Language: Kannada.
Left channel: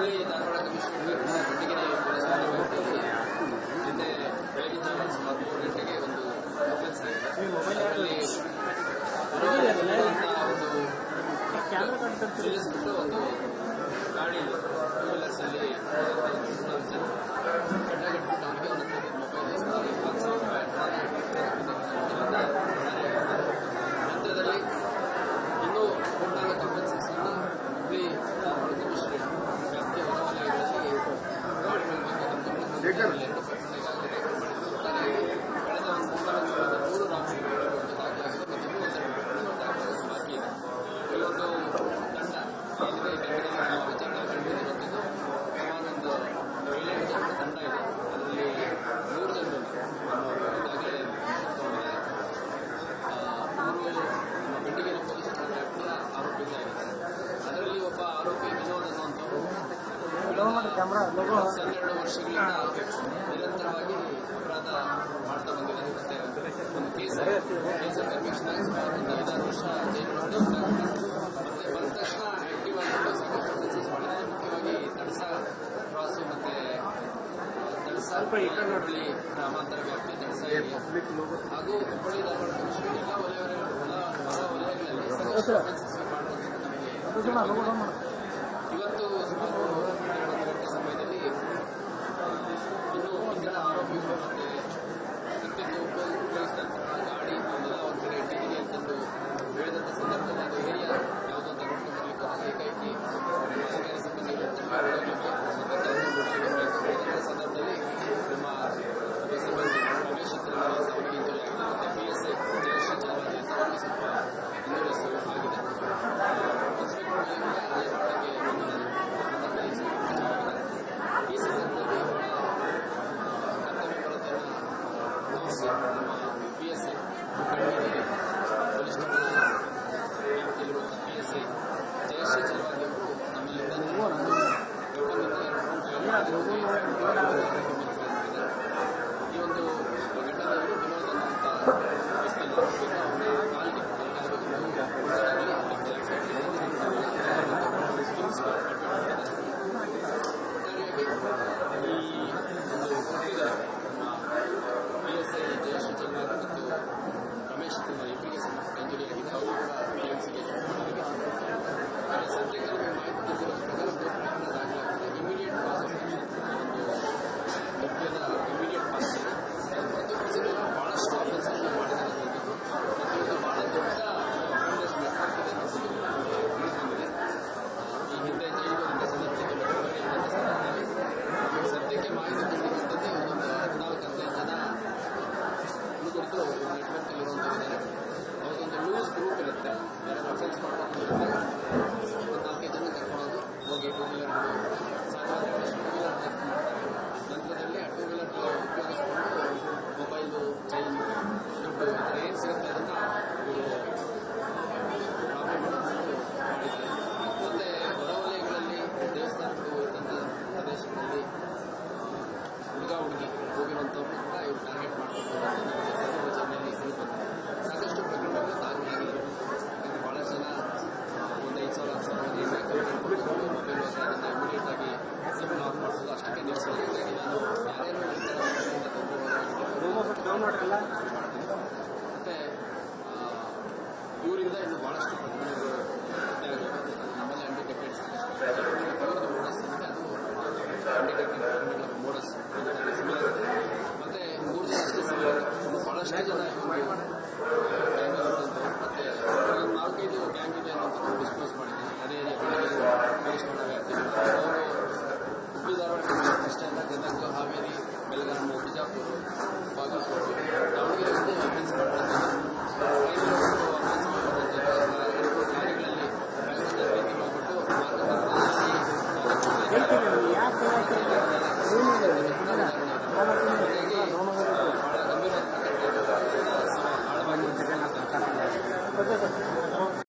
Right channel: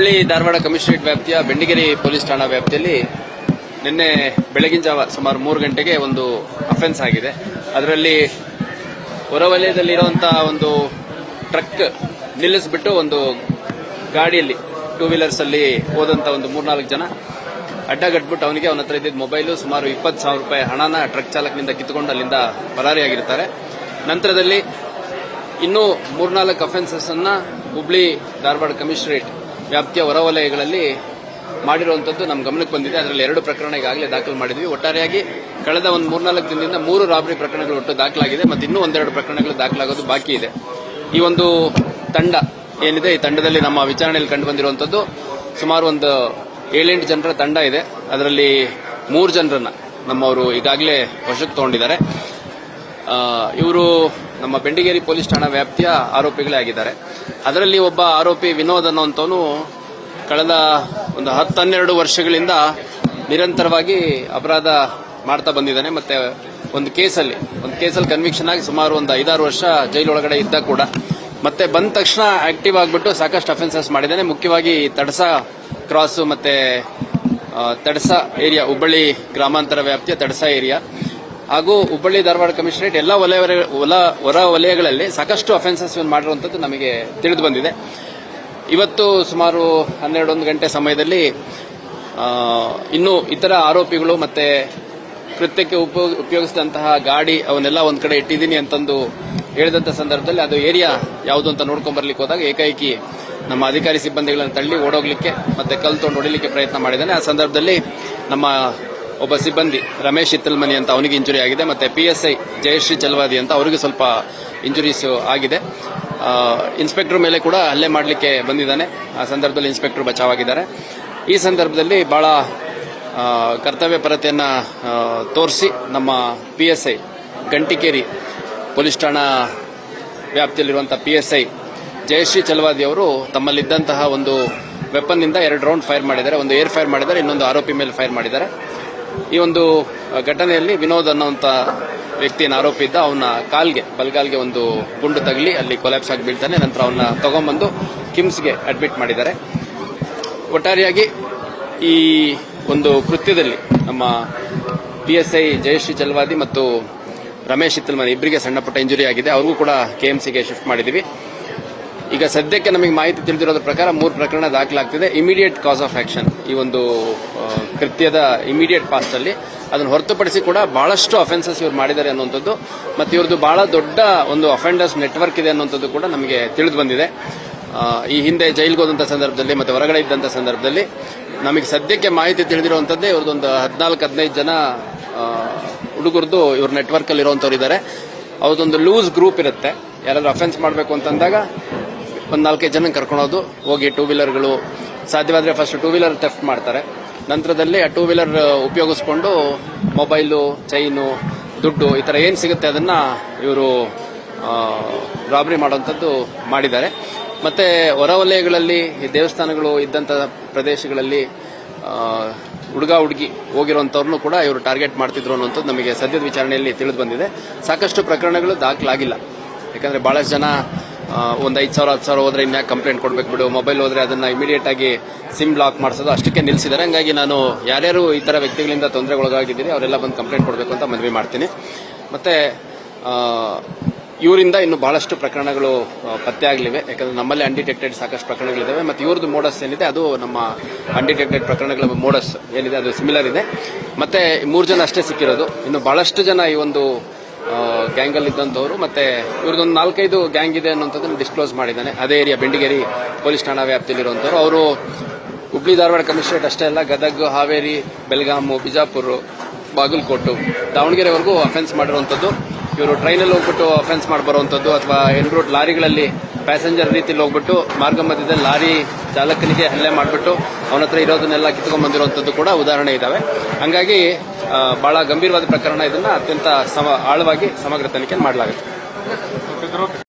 ಹುಬ್ಬಳ್ಳಿ ಧಾರವಾಡ ಕಮಿಷನರೇಟ್ ವ್ಯಾಪ್ತಿಯ ಬೆಂಡಿಗೇರಿ ಪೊಲೀಸ್ ಠಾಣಾ ವ್ಯಾಪ್ತಿಯಲ್ಲಿ ನಿನ್ನೆ ಬೆಳಗಿನ ಜಾವ ಸುಮಾರು ಮೂರು ಗಂಟೆಗೆ ಒಂದು ಅಫೆನ್ಸ್ ಆಗಿದೆ. ಅದರಲ್ಲಿ ಹೊರವಲಯದಲ್ಲಿರುವಂತಹ ಒಂದು ಟ್ರಕ್ ನಿಲ್ಲಿಸ್ಬಿಟ್ಟು ಒಂದು ಗಾಡಿಯಲ್ಲಿ ಟೂ ವೀಲರ್ಸ್ ಅಲ್ಲಿ ಹೋದಂತ ಒಂದು ಮೂರ್ನಾಲ್ಕು ಜನ ಅಡ್ಡಗಟ್ಬಿಟ್ಟು ಅವನಿಗೆ ಅವನ ಹತ್ರ ಇದ್ದಿದ್ದ ಮೊಬೈಲು ಸುಮಾರು ಇಪ್ಪತ್ತು ಸಾವಿರ ರೂಪಾಯಿ ಹಣನ ಟ್ರಕ್ ಚಾಲಕನಿಂದ ಕಿತ್ತುಕೊಂಡು ಅಲ್ಲಿಂದ ಪರಾರಿಯಾಗಿರ್ತಾರೆ. ನಂತರದಲ್ಲಿ ಇನ್ನೂ ಮೂರ್ನಾಲ್ಕು ಅಫೆನ್ಸಸ್ ಅನ್ನ ಹುಬ್ಳಿ ಧಾರವಾಡ ಕಮಿಷನರೇಟ್ ವ್ಯಾಪ್ತಿಯ ಹೊರವಲಯಗಳಲ್ಲಿ ಮಾಡಿರುವಂತದ್ದು ನಮ್ಮ ಗಮನಕ್ಕೆ ಬಂದಿದೆ. ಅದರಲ್ಲಿ ಎರಡು ಪ್ರಕರಣ ಈಗಾಗಲೇ ದಾಖಲು ಮಾಡಿದ್ವಿ. ಒಟ್ಟಾರೆಯಾಗಿ ಕಳೆದ ಒಂದು ಮೂರ್ನಾಲ್ಕು ದಿನದಿಂದ ಮೂರು ರಾಬರಿ ಪ್ರಕರಣಗಳು ಒಟ್ಟು ದಾಖಲಾಗಿದೆ ಮತ್ತು ಇನ್ನೂ ಒಂದೆರಡು ಪ್ರಕರಣಗಳು ದಾಖಲಾಗೋದು ಬಾಕಿ ಇದೆ. ಈ ಒಂದು ತಂಡ ಏನಿದೆ? ಈ ತಂಡದಲ್ಲಿ ನಮ್ಮ ವಿಚಾರಣೆಯಲ್ಲಿ ಕಂಡು ಬಂದಿರುವಂತದ್ದು ಸುಮಾರು ಒಂದು ಏಳೆಂಟು ಜನರ ತಂಡ ಇದೆ. ಅದರಲ್ಲಿ ಮೂರು ಜನರನ್ನ ನಮ್ಮವರು ಈಗಾಗಲೇ ವಶಕ್ಕೆ ತಗೊಂಡಿದ್ದಾರೆ. ಇವರು ನಮ್ಮ ಬೆಂಡಿಗೇರಿ ಪೊಲೀಸ್ ಠಾಣಾ ವ್ಯಾಪ್ತಿಯ ಆರೋಪಿಗಳೇ ಆಗಿದ್ದಾರೆ ಅದರಲ್ಲಿ ಒಬ್ಬ ಆರೋಪಿ ವಿನೋದ್ ಅನ್ನೋಂಥವನು ಕಳೆದ ಒಂದು ಹತ್ತು ಹನ್ನೆರಡು ವರ್ಷಗಳಿಂದ ನಿರಂತರವಾಗಿ ಅಪರಾಧ ಮಾಡ್ತಾ ಬಂದಿದ್ದಾನೆ. ಮತ್ತೆ ಒಂದು ಕೇಸಲ್ಲಿ ಒಂದು ಕೇಸಲ್ಲಿ ಕನ್ವಿಕ್ಷನ್ ಆಗಿ ಸುಮಾರು ಒಂದು ಐದಾರು ವರ್ಷ ಜೈಲೊಳಗಡೆ ಇದ್ದ ಕೂಡ. ಮತ್ತೆ ಬಂದ ತಕ್ಷಣ ಆಕ್ಟಿವ್ ಆಗಿಬಿಟ್ಟು ಸಾಕಷ್ಟು ಅಫೆನ್ಸಸ್ ಮಾಡಿದ್ದಾನೆ. ಮುಖ್ಯವಾಗಿ ತಡಸ ಕ್ರಾಸು ಮತ್ತೆ ತಡಸ ಏರಿಯಾ ಹುಬ್ಬಳ್ಳಿ ಗ್ರಾಮಾಂತರ ವ್ಯಾಪ್ತಿಯ ತಡಸ ಏರಿಯಾ ಹಾಗೂ ಹುಬ್ಬಳ್ಳಿ ಧಾರವಾಡ ಕಮಿಷನರೇಟ್ ಎಲ್ಲ ವಲಯ ಹೊರ ವಲಯಗಳಲ್ಲಿ ಸಾಕಷ್ಟು ಅಫೆನ್ಸಸ್ ಮಾಡಿರುವಂತದ್ದು ನಮಗೆ ತಿಳಿದು ಬಂದಿದೆ. ಇವತ್ತು ಸುಮಾರು ಹನ್ನೆರಡೊಂದು ಗಂಟೆ ಸಮಯದಲ್ಲಿ ಇನ್ನೂ ಇತರ ಆರೋಪಿಗಳು ಮತ್ತೆ ಕೃತ್ಯಕ್ಕೆ ಉಪ- ಉಪಯೋಗಿಸಿದಂತಹ ಗಾಡಿ ಅವನ್ನೆಲ್ಲ ಒಂದ್ ಕಡೆ ಇಟ್ಟಿದ್ದೀನಿ ಅಂತಂದು ಹೇಳಿದಂತ ಸಂದರ್ಭದಲ್ಲಿ ಅದು ಏರಿಯಾ ಯಾವುದು ಅಂತ ನೋಡ್ಕೊಂಡ್ ಬರ್ಲಿಕ್ಕೆ ಹೋದಾಗ ಏಕಾಏಕಿ ನಮ್ಮ ಅಧಿಕಾರಿ ಸಿಬ್ಬಂದಿಗಳನ್ನು ತಳ್ಳಿ ಓಡೋಗ್ಲಿಕ್ಕೆ ಮತ್ತೆ ಕಲ್ ತೊಗೊಂಡು ಪ್ರಯತ್ನ ಮಾಡಿದ್ದಾನೆ. ಆ ಸಂದರ್ಭದಲ್ಲಿ ನಮ್ಮ ಒಬ್ಬ ಸಿಬ್ಬಂದಿ, ರಮೇಶ್ ಇತ್ತಲ್ಮನಿ ಅಂತ ಅವನಿಗೆ ಇಂಜುರಿ ಆಗಿದೆ, ಮತ್ತೆ P S I Jayashree Chalavadi ಅಂತ ಅವರಿಗೆ ಸ್ವಲ್ಪ ಇಂಜುರೀಸ್ ಆಗಿದೆ. ಇನ್ಸ್ಪೆಕ್ಟರ್ ಮೇಲೆ ಕೂಡ ಹಲ್ಲೆ ಮಾಡಲಿಕ್ಕೆ ಬಂದಿದ್ದಾನೆ. ಆ ಸಂದರ್ಭದಲ್ಲಿ ಇನ್ಸ್ಪೆಕ್ಟರ್ ಬಚಾವಾಗಿದ್ದಾರೆ. ಈ ಸಂದರ್ಭದಲ್ಲಿ ಬಹಳ ಕರ್ತವ್ಯ ಪರತೆಯನ್ನು ತೋರಿಸಿ ನಮ್ಮ P S I Gantikeri police ಠಾಣಾ ವ್ಯಾಪ್ತಿಯಲ್ಲಿರುವಂಥ P S I Jayashree Chalavadi ಅವರು ತಮ್ಮಲ್ಲಿದ್ದಂತಹ ಒಂದು ವೆಪನ್ನಿಂದ ಎರಡು ರೌಂಡ್ ಫೈರ್ ಮಾಡಿದ್ದಾರೆ. ಒಂದು ಏರ್ ಫೈರ್ ಮಾಡಿದ್ದಾರೆ, ಇನ್ನೊಂದು ಆರೋಪಿ ಮೇಲೆ ಫೈರ್ ಮಾಡಿದ್ದಾರೆ. ಈ ಒಂದು ಘಟನೆಯಲ್ಲಿ ವಿನೋದ್ ಅನ್ನುವಂತ ವ್ಯಕ್ತಿಯನ್ನು ಆರೋಪಿದ್ದ ಅವನ ಕಾಲ್ಗೆ, ಬಲ್ಗಾಲ್ಗೆ ಒಂದು ಗುಂಡು ತಗಲಿ, ಅಲ್ಲಿ ಕೊಲ್ಯಾಪ್ಸ್ ಆಗಿ ಬೀಳ್ತಾನೆ ನಂತರ ಅವನ್ನ ತಗೊಂಬಂದು ಕಿಮ್ಸ್ಗೆ ಅಡ್ಮಿಟ್ ಮಾಡಿದ್ದಾರೆ. ಒಟ್ಟಾರೆಯಾಗಿ ಈ ಒಂದು ಕೃತ್ಯದಲ್ಲಿ ನಮ್ಮ P S I Jayashree Chalavadi ಮತ್ತು ರಮೇಶ್ ಇತ್ತಲ್ಮನಿ ಇಬ್ಬರಿಗೆ ಸಣ್ಣಪುಟ್ಟ ಇಂಜುರಿ ಆಗಿದೆ. ಅವ್ರಿಗೂ ಕೂಡ ಕೆಎಂಸಿಗೆ ಶಿಫ್ಟ್ ಮಾಡಿದ್ದೀವಿ. ಈಗ ಸದ್ಯಕ್ಕೆ ನಮಗೆ ಮಾಹಿತಿ ತಿಳಿದಿರೋದ ಪ್ರಕಾರ ಮೂರು ಪ್ರಕರಣ ದಾಖಲಾಗ್ತಿದೆ. ಇಮಿಡಿಯೇಟ್ ಕಾಸ್ ಆಫ್ ಆಕ್ಷನ್ ಈ ಒಂದು ಕೃತ್ಯದ ಇಮಿಡಿಯೇಟ್ ಪಾಸ್ಟ್ ಅಲ್ಲಿ ಅದನ್ನು ಹೊರತುಪಡಿಸಿ ಕೂಡ ಬಹಳಷ್ಟು ಅಫೆನ್ಸಸ್ ಇವ್ರು ಮಾಡಿದ್ದಾರೆ ಅನ್ನುವಂಥದ್ದು. ಮತ್ತು ಇವ್ರದ್ದು ಬಹಳ ದೊಡ್ಡ ಒಂದು ಅಫೆಂಡರ್ಸ್ ನೆಟ್ವರ್ಕ್ ಇದೆ ಅನ್ನುವಂಥದ್ದು ಕೂಡ ನಮಗೆ ತಿಳಿದು ಬಂದಿದೆ. ಈ ಹಿಂದೆ ಜೈಲಿಗೆ ಹೋದಂಥ ಸಂದರ್ಭದಲ್ಲಿ ಮತ್ತು ಹೊರಗಡೆ ಇದ್ದಂಥ ಸಂದರ್ಭದಲ್ಲಿ ನಮಗೆ ಸದ್ಯಕ್ಕೆ ಮಾಹಿತಿ ತಿಳಿದಿರುವಂಥದ್ದೇ ಇವ್ರದ್ದೊಂದು ಹದಿನಾಲ್ಕು, ಹದಿನೈದು ಜನ ಹುಡುಗರದ್ದು ಇವ್ರ ನೆಟ್ವರ್ಕ್ ಅಲ್ಲಿ ಇರುವಂತವ್ರು ಇದ್ದಾರೆ ಅವ್ರದ್ದೊಂದು ಲೂಸ್ ಗ್ರೂಪ್ ಇರುತ್ತೆ. ಯಾರಾದರೂ ಅಫೆನ್ಸ್ ಮಾಡಬೇಕು ಅಂತಂದಾಗ ಒಂದು ನಾಲ್ಕೈದು ಜನ ಕರ್ಕೊಳೋದು ಹೋಗಿ ಟೂ ವೀಲರ್ಗಳು ಸಾಧ್ಯವಾದರೆ ಫಸ್ಟ್ ಟೂ ವೀಲರ್ ಟೆಫ್ಟ್ ಮಾಡ್ತಾರೆ. ನಂತರದಲ್ಲಿ ಆ ಟೂ ವೀಲರ್ ಉಪಯೋಗಿಸ್ಕೊಂಡು ಮೊಬೈಲು ಚೈನು ದುಡ್ಡು ಈ ಥರ ಏನು ಸಿಗುತ್ತೆ ಅದನ್ನು ಇವರು ರಾಬರಿ ಮಾಡುವಂಥದ್ದು ಮಾಡಿದ್ದಾರೆ. ಮತ್ತು ಹೊರವಲಯಗಳಲ್ಲಿ ಈ ದೇವಸ್ಥಾನಗಳು ಇದ್ದಂಥ ಪ್ರದೇಶಗಳಲ್ಲಿ ಹುಡುಗ ಹುಡುಗಿ ಹೋಗಿರುವಂಥವ್ರನ್ನು ಕೂಡ ಇವರು ಟಾರ್ಗೆಟ್ ಮಾಡ್ತಿದ್ರು ಅನ್ನೋಂಥದ್ದು ನಮಗೆ ಸದ್ಯದ ವಿಚಾರಣೆಯಲ್ಲಿ ತಿಳಿದು ಬಂದಿದೆ. ಸಾಕಷ್ಟು ಪ್ರಕರಣಗಳು ದಾಖಲಾಗಿಲ್ಲ. ಯಾಕಂದರೆ ಭಾಳಷ್ಟು ಜನ ಒಂದು ಐದು ಸಾವಿರ, ಹತ್ತು ಸಾವಿರ ಹೋದ್ರೆ ಇನ್ಯಾಕೆ ಕಂಪ್ಲೇಂಟ್ ಕೊಡಬೇಕು ಬಿಡು. ಮೊಬೈಲ್ ಹೋದ್ರೆ ಅದನ್ನ ಇಮಿಡಿಯೇಟ್ ಆಗಿ ಸಿಮ್ ಬ್ಲಾಕ್ ಮಾಡಿಸೋದು ಅಷ್ಟಕ್ಕೆ ನಿಲ್ಲಿಸಿದ್ದಾರೆ ಹಂಗಾಗಿ ನಾನು ಯಾರ್ಯಾರು ಈ ಥರ ವ್ಯಕ್ತಿಗಳಿಂದ ತೊಂದರೆಗೊಳಗಾಗಿದ್ದೀನಿ ಅವರೆಲ್ಲ ಬಂದು ಕಂಪ್ಲೇಂಟ್ ಕೊಡಬೇಕು ಅಂತ ಮನವಿ ಮಾಡ್ತೀನಿ. ಮತ್ತು ಇವರಿಂದ ಇನ್ನು ಭಾಳಷ್ಟು ಪ್ರಕರಣಗಳು ಪತ್ತೆ ಆಗಲಿವೆ. ಯಾಕಂದ್ರೆ ನಮ್ಮಲ್ಲಿ ಅನ್ಡಿಟೆಕ್ಟೆಡ್ ಸಾಕಷ್ಟು ಪ್ರಕರಣಗಳಿದ್ದಾವೆ ಮತ್ತು ಇವ್ರದ್ದು ಮೋಡಸ್ ಏನಿದೆ, ಅದು ನಮ್ಮ ಅನ್ಡಿಟೆಕ್ಟೆಡ್ ಪ್ರಕರಣಗಳ ಮೋಡಸ್ ಏನಿದೆ, ಅದು ಸಿಮಿಲರ್ ಇದೆ. ಮತ್ತು ಮೂರು ಜನ ಅಷ್ಟೇ ಸಿಕ್ಕಿರೋದು. ಇನ್ನು ಭಾಳಷ್ಟು ಜನ ಈ ಒಂದು ಗ್ಯಾಂಗ್ ಅಲ್ಲಿ ಇದ್ದಂಥವ್ರು, ಮತ್ತೆ ಇವ್ರದ್ದೊಂದು ನಾಲ್ಕೈದು ಗ್ಯಾಂಗ್ ಇದೆ ಅನ್ನೋಂಥದ್ದನ್ನು ಡಿಸ್ಕ್ಲೋಸ್ ಮಾಡಿದ್ದಾನೆ. ಅದೇ ಏರಿಯಾ ಬೆಂಡಿಗೇರಿ ಪೊಲೀಸ್ ಠಾಣಾ ವ್ಯಾಪ್ತಿಯಲ್ಲಿರುವಂಥವ್ರು. ಅವರು ಹುಬ್ಳಿ ಧಾರವಾಡ ಕಮಿಷನರೇಟ್ ಅಷ್ಟೇ ಅಲ್ಲ, ಗದಗ, ಹಾವೇರಿ ಬೆಳಗಾಮು ಬಿಜಾಪುರ ಬಾಗಲಕೋಟು, ದಾವಣಗೆರೆವರೆಗೂ ಅಫೆನ್ಸ್ ಮಾಡಿರುವಂಥದ್ದು. ಇವರು ಟ್ರೈನಲ್ಲಿ ಹೋಗ್ಬಿಟ್ಟು ಅಫೆನ್ಸ್ ಮಾಡಿ ಬರುವಂಥದ್ದು ಅಥವಾ ಎನ್ ರೋಡ್ ಲಾರಿಗಳಲ್ಲಿ ಪ್ಯಾಸೆಂಜರ್ ರೀತಿಯಲ್ಲಿ ಹೋಗ್ಬಿಟ್ಟು ಮಾರ್ಗ ಮಧ್ಯದಲ್ಲಿ ಲಾರಿ ಚಾಲಕನಿಗೆ ಹಲ್ಲೆ ಮಾಡಿಬಿಟ್ಟು ಅವನ ಹತ್ರ ಇರೋದನ್ನೆಲ್ಲ ಕಿತ್ಕೊಂಡ್ಬಂದಿರುವಂಥದ್ದು ಕೂಡ ಉದಾಹರಣೆ ಇದ್ದಾವೆ ಹಂಗಾಗಿ ಬಹಳ ಗಂಭೀರವಾದ ಪ್ರಕರಣ ಇದನ್ನು ಅತ್ಯಂತ ಸಮ ಆಳವಾಗಿ ಸಮಗ್ರ ತನಿಖೆ ಮಾಡಲಾಗುತ್ತೆ.